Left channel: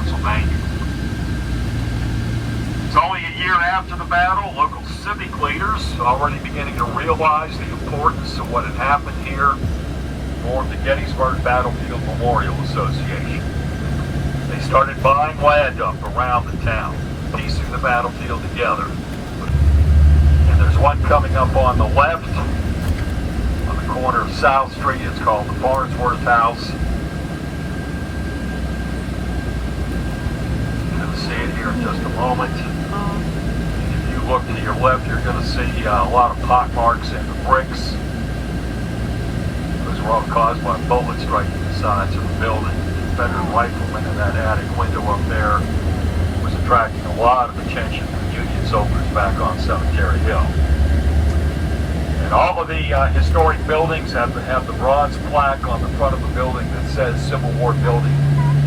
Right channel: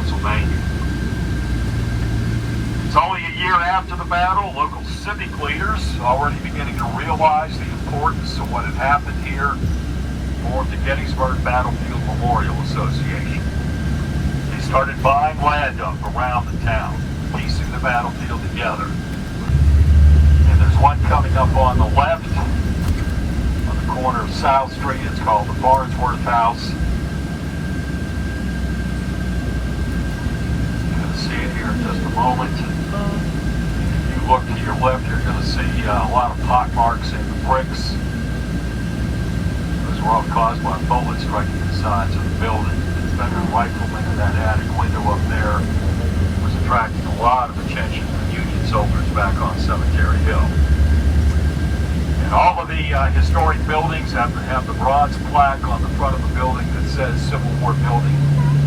Pennsylvania. It's only a year after the battle. Local civic leaders, already beginning to realize the importance of what had happened here, formed the Gettysburg Battlefield Memorial Association. They started buying land up around the town, piecing the battlefield together. And there's one coming up on the left, on the corner of South Street. It's called the Farnsworth House. You're going to see it here in just a moment. If you look to your left, you're going to see a lot of pock marks in the bricks. Those were all caused by bullets striking the sides of the building. The veteran rifleman in that attic window up there was attracting a lot of attention from Union soldiers back on Cemetery Hill. And all of the historic buildings have the bronze plaque on the front of the building that says Civil War Building,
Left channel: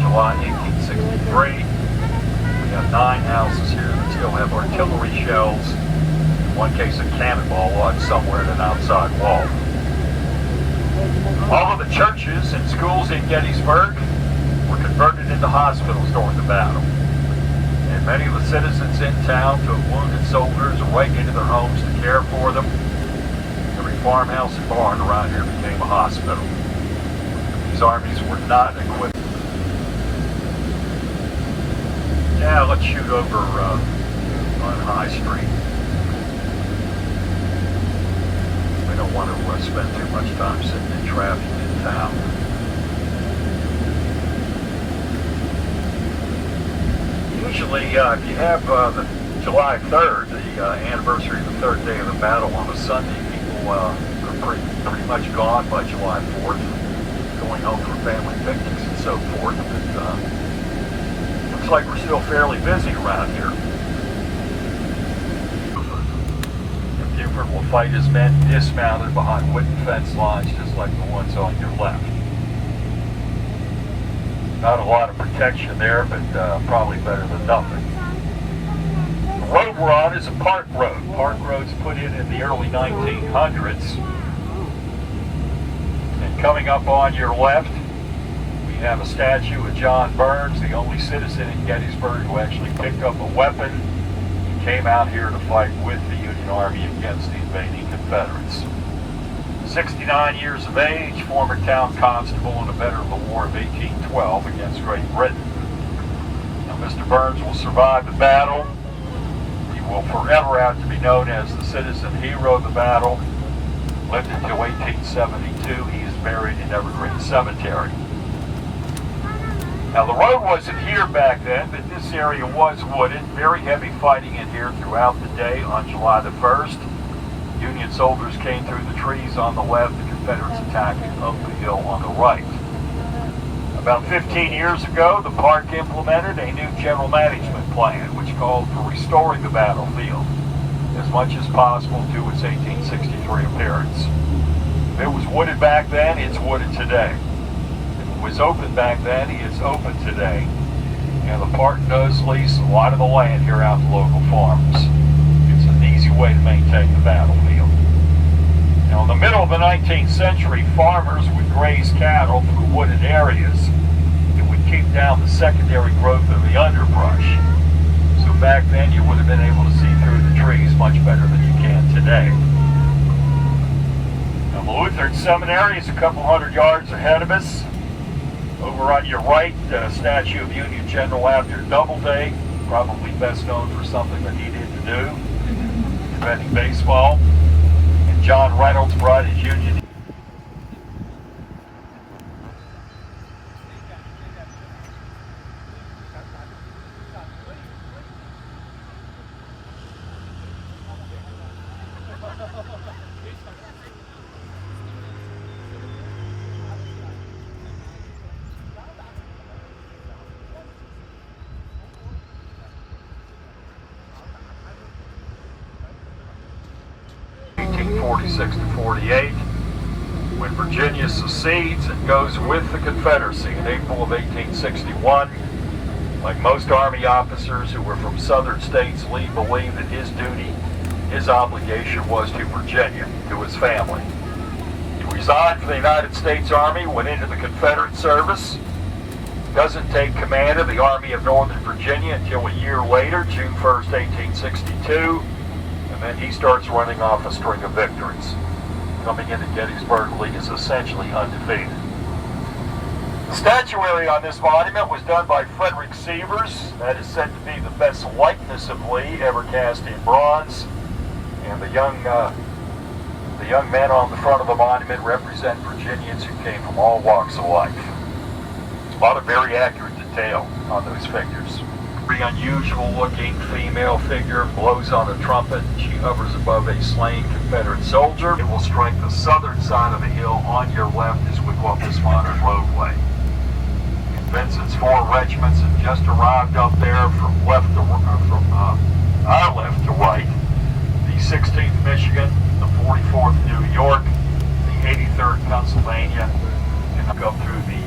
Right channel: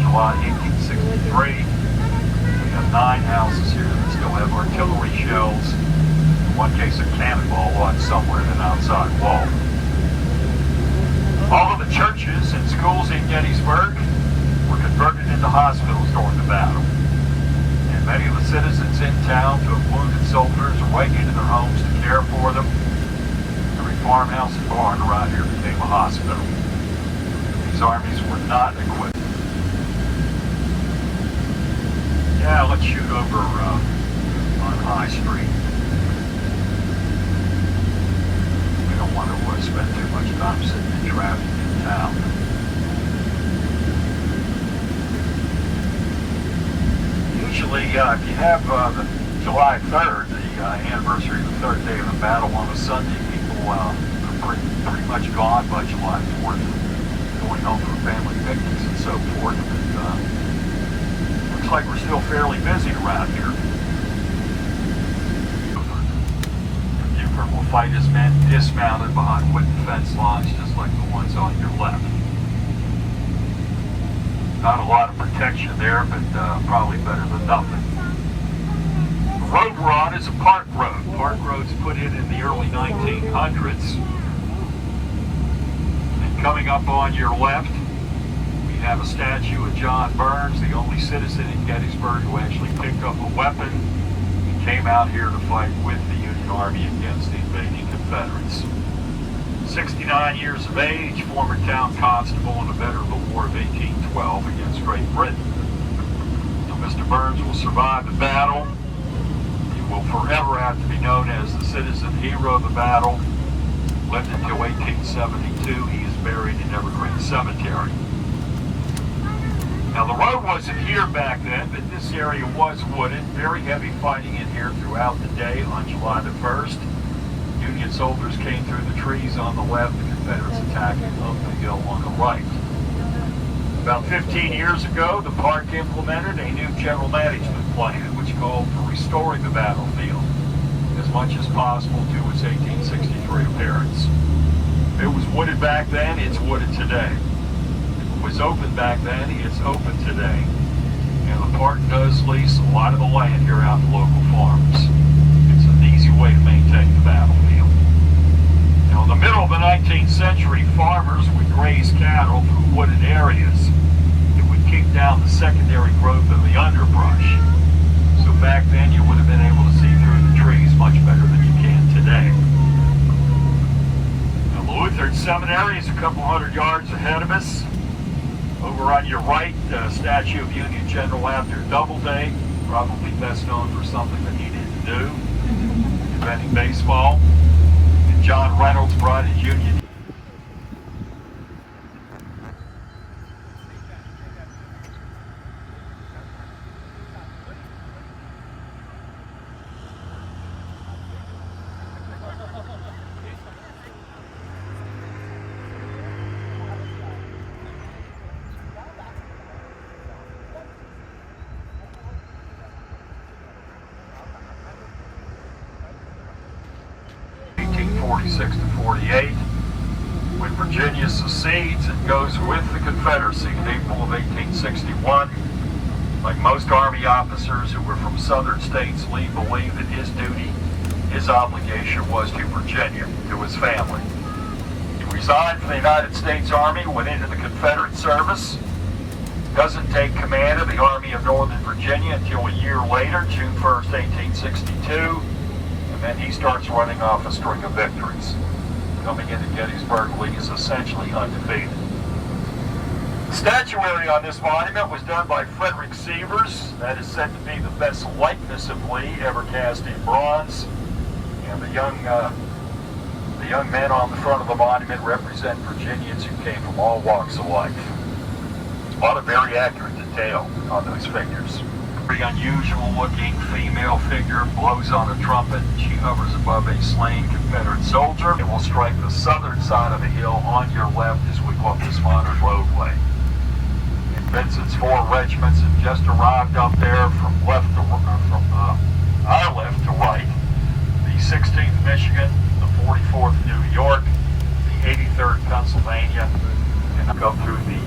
July 1863. We have 9 houses here that still have artillery shells. In one case, a cannonball lodged somewhere in an outside wall. All of the churches and schools in Gettysburg were converted into hospitals during the battle. And many of the citizens in town took wounded soldiers right into their homes to care for them. Every farmhouse and barn around here became a hospital. These armies were not equipped. Yeah, let's shoot over on High Street. I don't want to spend too much time sitting in traffic in town. Usually, if you have the July 3rd, the anniversary of the third day of the battle on a Sunday, people are pretty much gone by July 4th, going home for family picnics and so forth. But looks like we're still fairly busy around here. Buford will fight his men dismounted behind wooden fence lines just like the ones on your left. Not a lot of protection there, but probably better than nothing. The road we're on is a park road. Park roads put in the early 1900s. And coming up on your left, we have a statue of John Burns, the only citizen in Gettysburg who actually picked up a weapon and came out here to fight with the Union Army against the invading Confederates. 69 years of age, former town constable and a veteran of the War of 1812 against Great Britain. Now, Mr. Burns will survive the battle. He will forever have to be known as the citizen hero of the battle. Lived until 1872. He is buried in Evergreen Cemetery. Now, the road wasn't here back then, but this area was wooded. Very heavy fighting in here throughout the day on July the 1st. Union soldiers came through the trees on the left, the Confederates attacking up the hill on the right. About 15 years ago, the park implemented a new general management plan, which called for restoring the battlefield as much as possible to its 1863 appearance. If it was wooded back then, it's wooded today. If it was open back then, it's open today. And the park does lease a lot of the land here out to local farms. It's an easy way to maintain the battlefield. Now, in the middle of the 19th century, farmers would graze cattle through wooded areas. It would keep down the secondary growth of the underbrush. So back then, you would have been able to see through the trees much better than you can today. Now, the Lutheran Seminary is a couple hundred yards ahead of us. Over on your right, a statue of Union General Abner Doubleday, probably best known for something that he didn't do, inventing baseball. John Reynolds brought his Union. '46 to 48, when Virginia secedes and goes with the Confederacy in April of 1861. Like most Army officers who were from southern states, Lee believed that his duty, his obligation was to Virginia, to his family. He resigned from the United States Army, went into the Confederate service, doesn't take command of the Army of Northern Virginia until a year later, June 1st, 1862, and then he starts running off a string of victories. Coming into Gettysburg, Lee is essentially undefeated. The statuary on this monument was done by Frederick Sievers. That is said to be the best likeness of Lee ever cast in bronze. And the young men on the front of the monument represent Virginians who came from all walks of life. A lot of very accurate detail on those figures. Very unusual looking female figure blows on a trumpet. She hovers above a slain Confederate soldier. It will strike the southern side of the hill on your left as we walk this modern roadway. Vincent's 4 regiments have just arrived up there from our left to right. The 16th Michigan, the 44th New York, the 83rd Pennsylvania, and go through the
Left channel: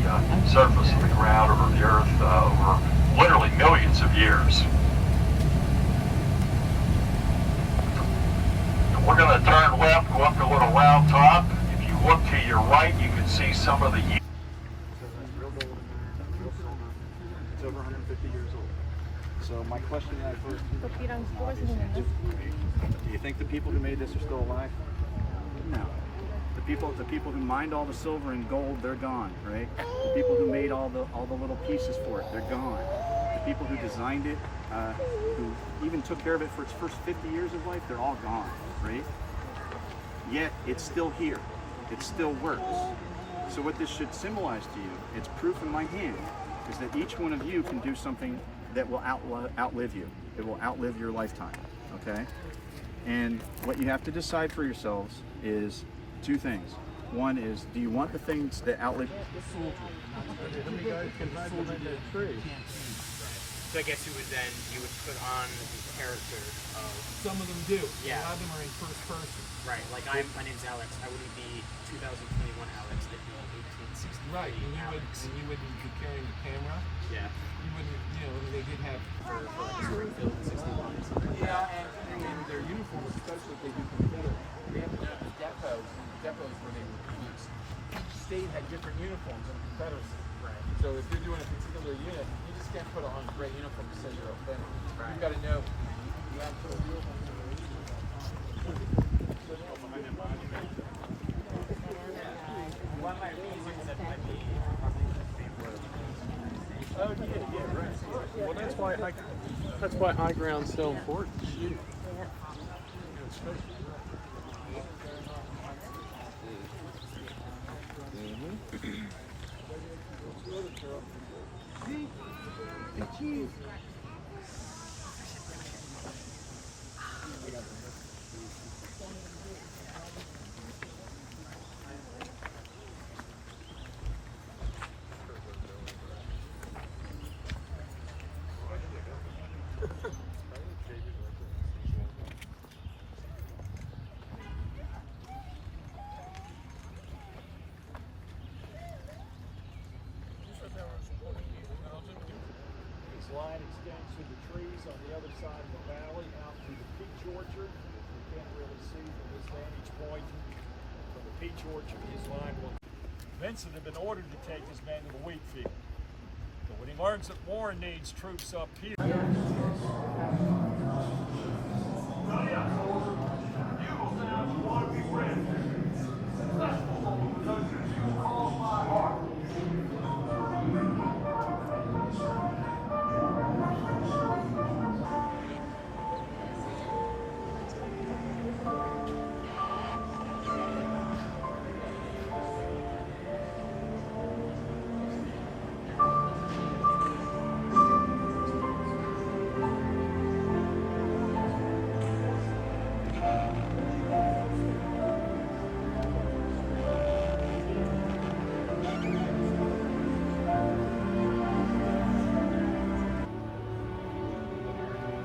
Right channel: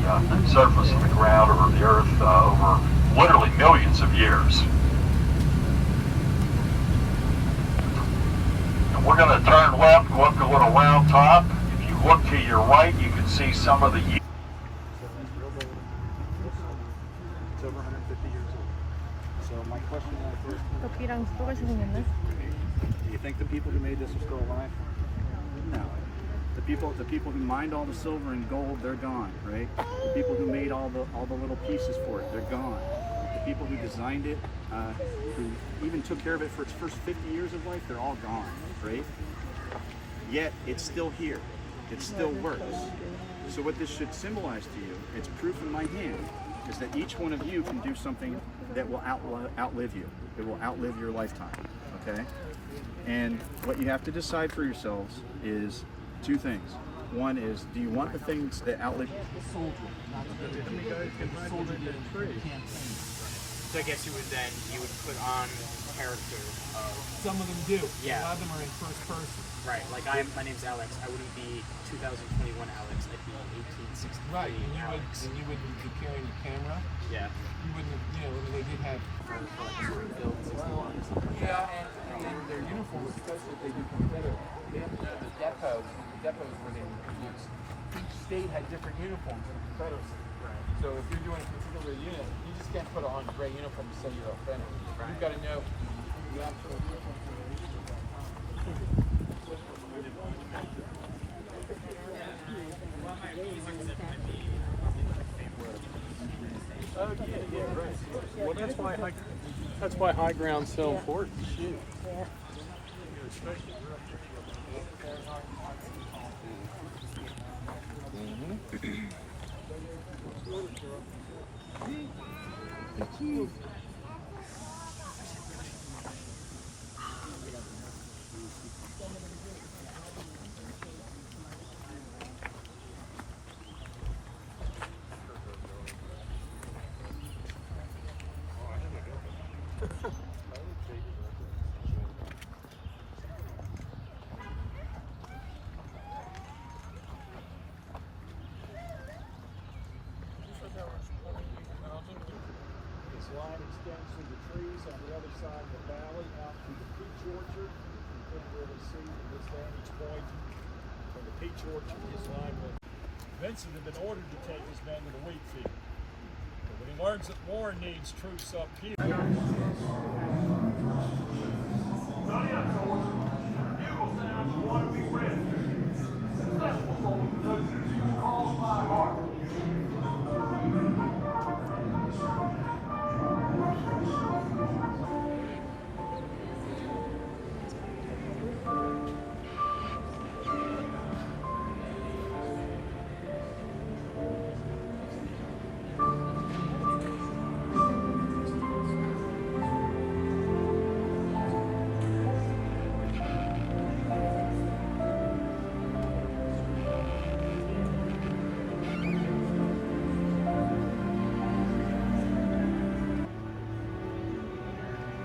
surface of the ground or the earth over literally millions of years. And we're going to turn left, go up the little round top. If you look to your right, you can see some of the... So that's real golden, real silver. It's over 150 years old. So my question first, do you think the people who made this are still alive? No. The people who mined all the silver and gold, they're gone, right? The people who made all the little pieces for it, they're gone. The people who designed it, who even took care of it for its first 50 years of life, they're all gone, right? Yet it's still here. It still works. So what this should symbolize to you, it's proof in my hand, is that each one of you can do something that will outlive you. It will outlive your lifetime, okay? And what you have to decide for yourselves is 2 things. One is, do you want the things that outlive the soldier? Not to get it, but the soldier did a campaign. So I guess you would put on the character of... Some of them do. Yeah. A lot of them are in first person. Right. Like my name's Alex. I wouldn't be 2021 Alex. I'd be 1860. Right. And you wouldn't be carrying a camera. Yeah. You wouldn't. I mean, they did have. For Springfield 61 or something. Yeah, and their uniforms, especially if they do Confederate, they have to have the depots where they were used. Each state had different uniforms in Confederacy. Right. So if you're doing a particular unit, you just can't put on a gray uniform to say you're authentic. Right. You've got to know the actual uniform. Well, that's why high ground's so important. This line extends through the trees on the other side of the valley out through the peach orchard, which we can't really see from this vantage point. From the peach orchard, his line will... Vincent had been ordered to take his men to the wheat field. But when he learns that Warren needs troops up here...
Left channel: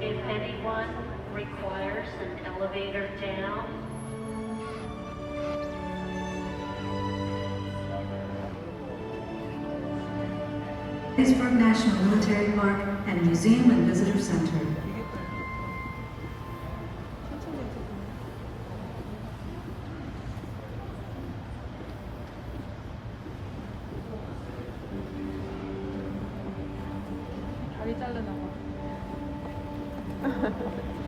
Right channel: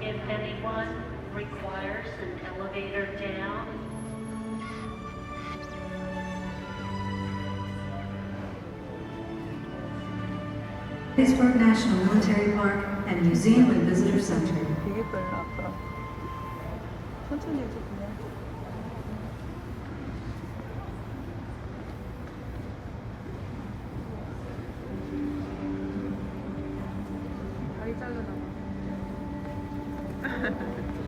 If anyone requires an elevator down, Gettysburg National Military Park and Museum and Visitor Center.